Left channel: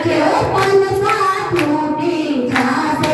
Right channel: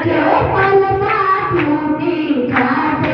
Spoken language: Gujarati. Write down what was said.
રાખ્યો પન સાથ મોટી છાસ